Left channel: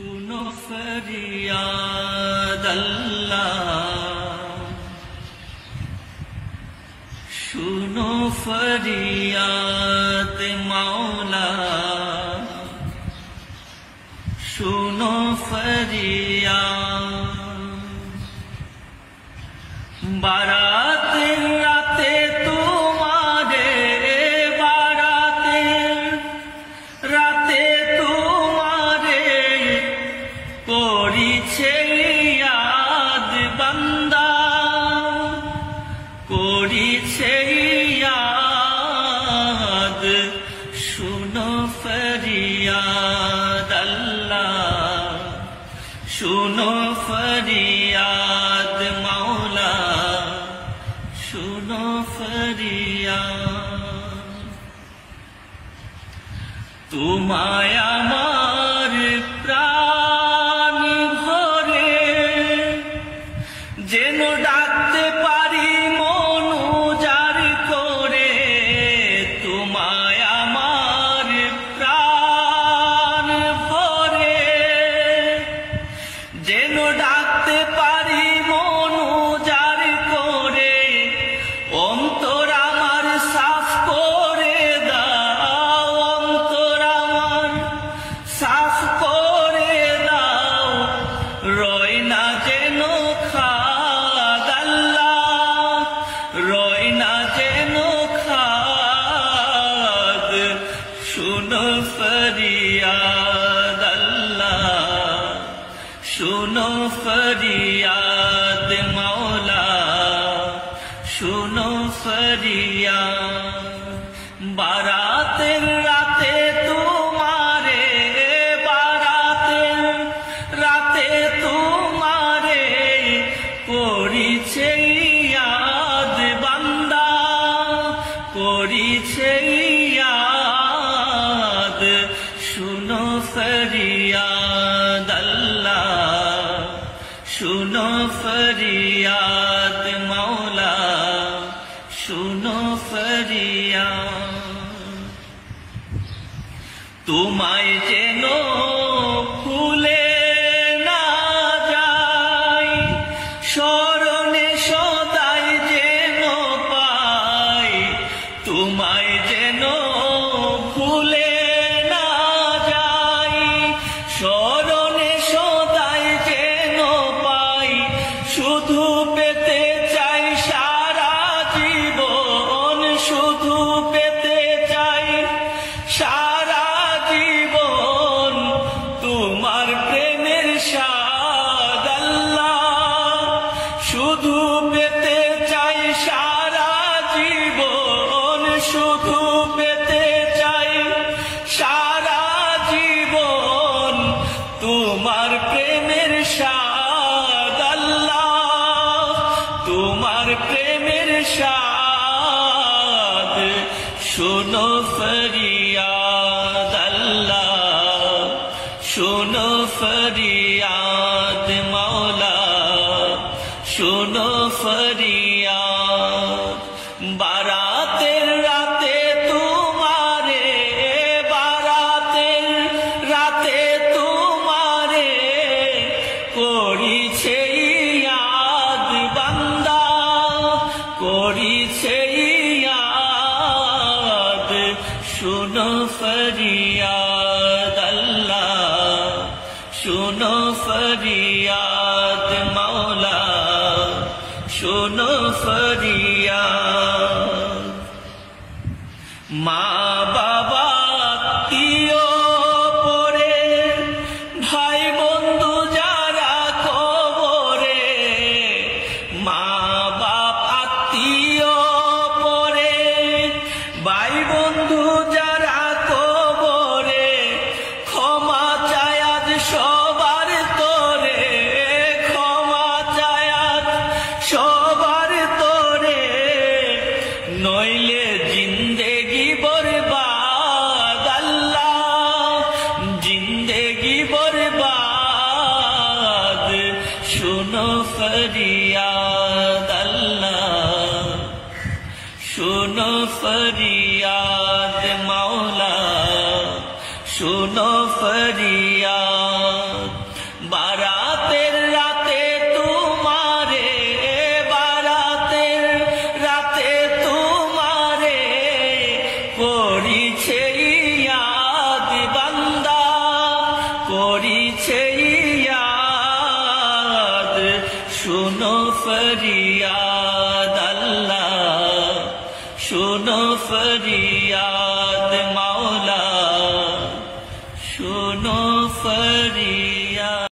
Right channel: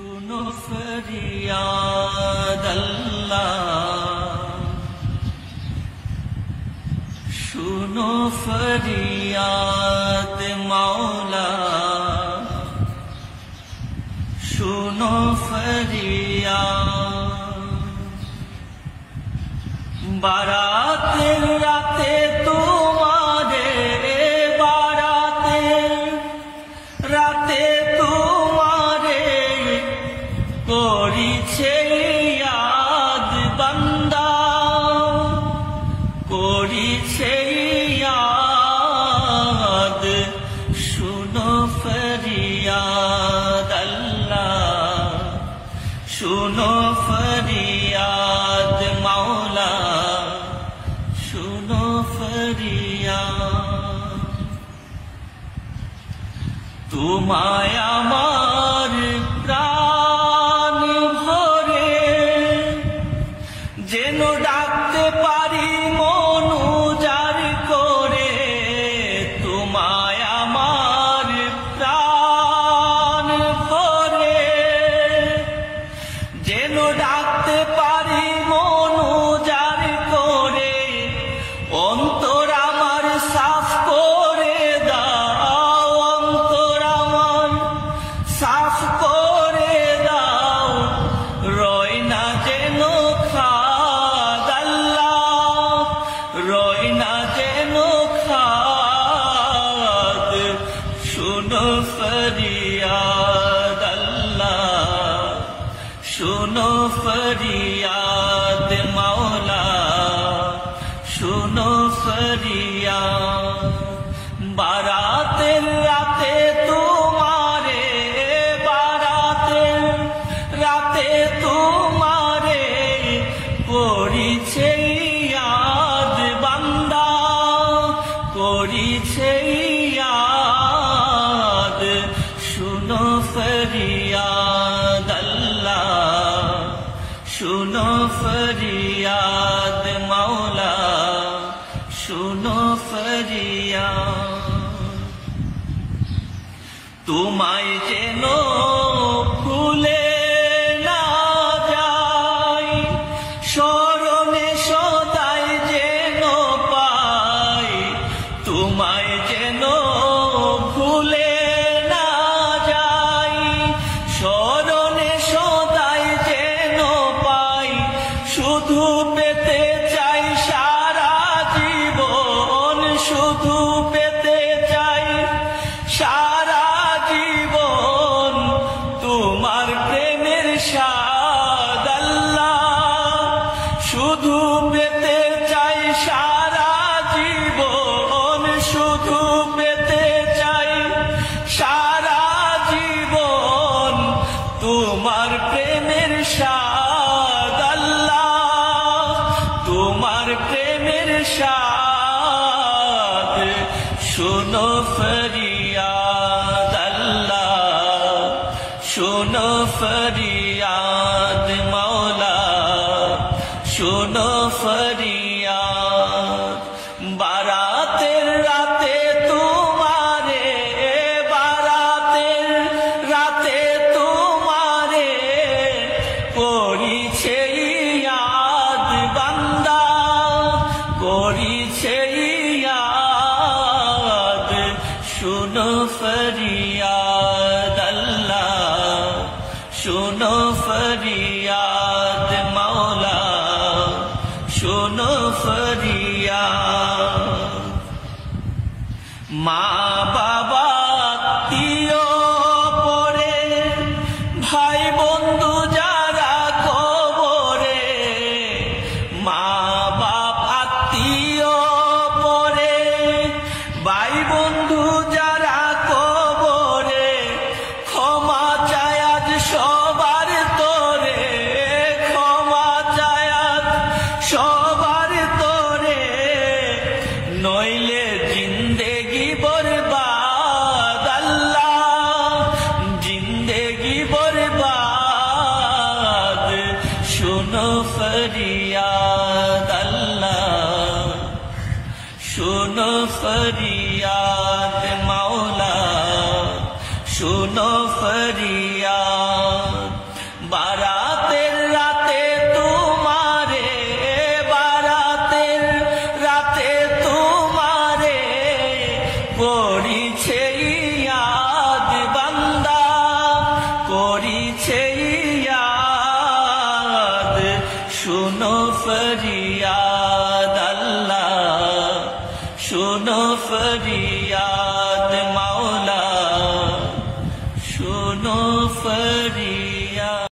सुनो फरियाद अल्लाह, सुनो फरियाद मौला, सुनो फरियाद। बाराते राते तुम्हारे, बाराते राते तुम्हारे করিছে ইয়াদ বান্দা, করিছে ইয়াদ। শুনো ফরিয়াদ আল্লাহ, শুনো ফরিয়াদ মাওলা, শুনো ফরিয়াদ। তোমায় আমার প্রাণ যেন ডাকতে পারি মন উজাড় করে, তোমায় আমার প্রাণ ভরে যেন ডাকতে পারি মন উজাড় করে। অন্তর আমার সাফ করে দাও, অন্তর আমার সাফ করে দাও, রয় না যেন খাদ আল্লাহ, রয় না যেন খাদ। শুনো ফরিয়াদ আল্লাহ, শুনো ফরিয়াদ মাওলা, শুনো ফরিয়াদ। বারাতের রাতে তোমারে, বারাতের রাতে তোমারে করিছে ইয়াদ বান্দা, করিছে ইয়াদ। শুনো ফরিয়াদ আল্লাহ, শুনো ফরিয়াদ মাওলা, শুনো ফরিয়াদ। তোমায় যেন ভুলে না যাই, স্মরণে সদাই যেন পাই, তোমায় যেন ভুলে না যাই, স্মরণে সদাই যেন পাই। শুধু পেতে চাই সারা জীবন, শুধু পেতে চাই সারা জীবন তোমার প্রেমের স্বাদ আল্লাহ। শুধু পেতে চাই সারা জীবন, শুধু পেতে চাই সারা জীবন তোমার প্রেমের স্বাদ আল্লাহ, তোমার প্রেমের স্বাদ। শুনো ফরিয়াদ আল্লাহ, শুনো ফরিয়াদ মাওলা, শুনো ফরিয়াদ। বারাতের রাতে তোমারে, বারাতের রাতে তোমারে করিছে ইয়াদ বান্দা, করিছে ইয়াদ। শুনো ফরিয়াদ আল্লাহ, শুনো ফরিয়াদ মাওলা, শুনো ফরিয়াদ। মা বাবা আত্মীয় পরে, ভাই বন্ধু যারা কবরে, মা বাপ আত্মীয় পরে, ভাই বন্ধু যারা কবরে, ক্ষমা চায় আজ সবার তোরে, ক্ষমা চায় আজ সবার তোরে, নইলে জিন্দেগি বরবাদ আল্লাহ, জিন্দেগি বরবাদ। শুনো ফরিয়াদ আল্লাহ, শুনো ফরিয়াদ মাওলা, শুনো ফরিয়াদ। করিছে ইয়াদ শুনো ফরিয়াদ আল্লাহ শুনো ফরিয়াদ মাওলা শুনো ফরিয়াদ